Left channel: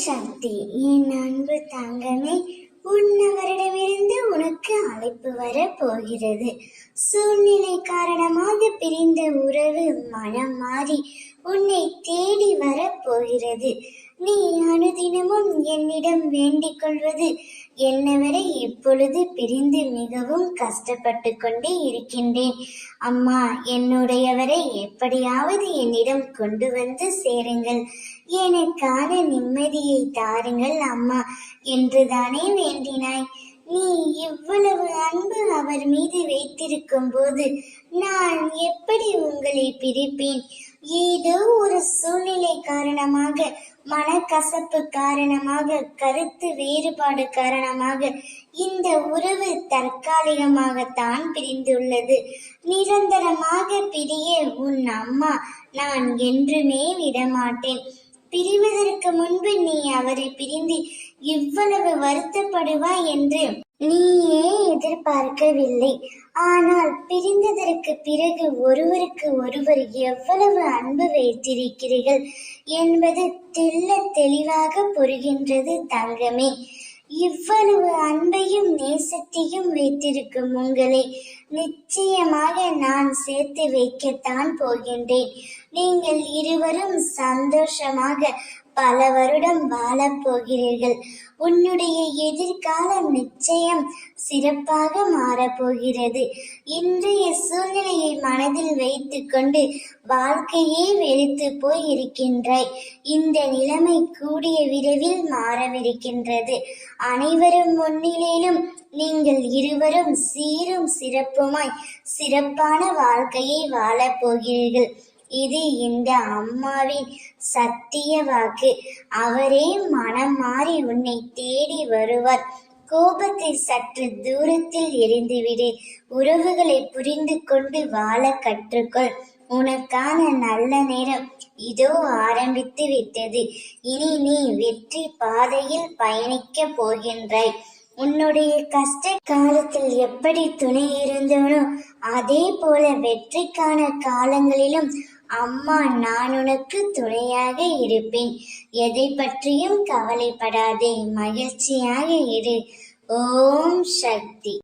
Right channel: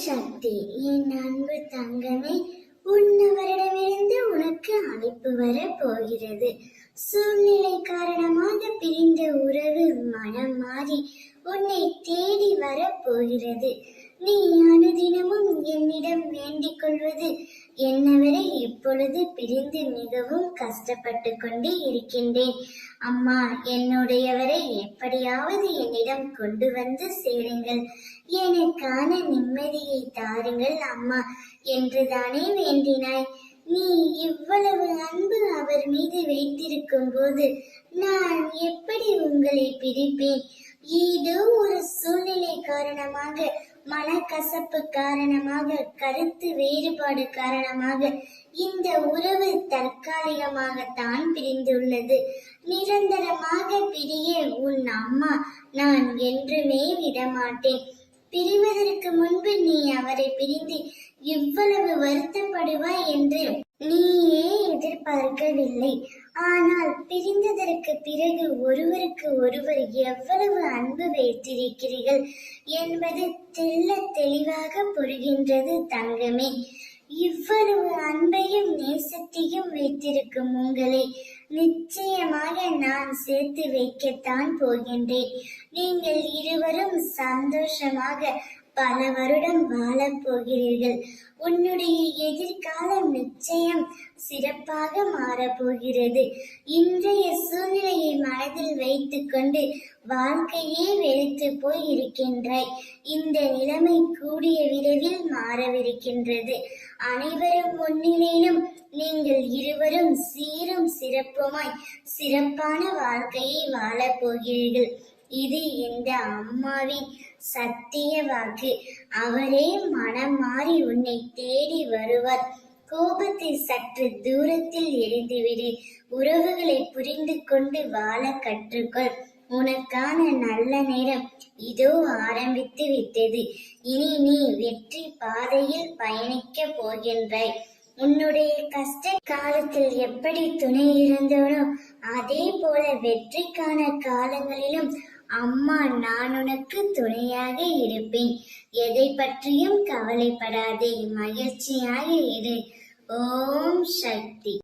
சக்தி. என் அன்பு தங்கமே, உன்னவரிடமிருந்து உனக்கு அழைப்பு வர போகிறது. சூழ்நிலை காரணமாக பிரிந்த உறவு மனம் மாறி உன்னை தேடி வர போகிறது. நீ அனுதினமும் என்னிடம் வேண்டிக் கொள்வது என்னவரை இப்பொழுது பிரிந்து மிகவும் கஷ்டப்பட்டு கொண்டே இருக்கின்றேன். அம்மா, என்னுடையவரை எப்படியாவது என்னிடம் கொண்டு வந்து சேருங்கள், எனக்கான நிம்மதியை தாருங்கள் அம்மா என்றுதானே வேண்டினாய். நீ இவ்வளவு அன்பு அவர் மீது வைத்திருக்கும் போது நான் எப்படி உங்களை பிரிப்பேன்? ஏதோ ஒரு சூழ்நிலை காரணமாக, மனக்கசப்பு காரணமாக, கருத்து வேறுபாடு காரணமாக இந்த உறவு தற்காலிகமாகத்தான் பிரிந்துள்ளது. நிரந்தரமாக பிரிய உன் அம்மா நான் என்றுமே விடமாட்டேன். பிரிவதற்கு முன்பு நீ அவரை பிரிந்து இவ்வளவு வருத்தப்படுவாய் என்று நீயே எதிர்பார்க்கவில்லை. ஆனால் பிரிந்ததற்கு பிறகு ஒருவருக்கு ஒருவர் எவ்வளவு அன்பு வைத்திருக்கிறீர்கள் என்பது தெள்ள தெளிவாக புரிகின்றது தங்கமே. இவ்வளவு அன்பையும் நேசத்தையும் வைத்திருக்கும் உங்களை நிச்சயமாக நான் சேர்த்து வைக்கத்தான் போகின்றேன். நீங்கள் இருவரும் சந்தோஷமாக பல வருடம் வாழப் போகிறீர்கள். உன்னுடைய எதிர்காலம் நிச்சயம் சிறப்பாக மாறப்போகிறது. இன்றைய சூழ்நிலையை மனதில் வைத்துக்கொண்டு வாழ்க்கையே வெறுத்து போய் இருக்கின்றாய். இந்த நிலைமை கூடிய விரைவில் மாறவிருக்கின்றது. அனைவரும் முன்னிலையிலும் நீங்கள் இருவரும் சீரும் சிறப்புமாய் சிறப்பான வாழ்க்கையை வாழப் போகிறீர்கள். இது இந்த அம்மாவின் சத்திய வாக்கு. அவரே மனம் மாறி உன்னை தேடி வருவார். கோபத்தை சற்று தூரத்தில் எரிந்துவிடு. உறவுகளை புரிந்து கொண்டு வாழ கற்றுக்கொள். உனக்கான நல்ல நேரம் இதோ ஆரம்பித்து விட்டது. இனி நீ வெற்றி பாதையில் பயணிக்க போகின்றாய். உன்னுடைய கஷ்ட காலத்தில் எப்படி துணை இருந்தோனோ அதே போல வெற்றிக்கான காலங்களிலும் அம்மா நான் உனக்கு துணையாக இருப்பேன். எதை பற்றியும் கவலைப்படாதே, மகிழ்ச்சியாக இரு. ஓம் சக்தி.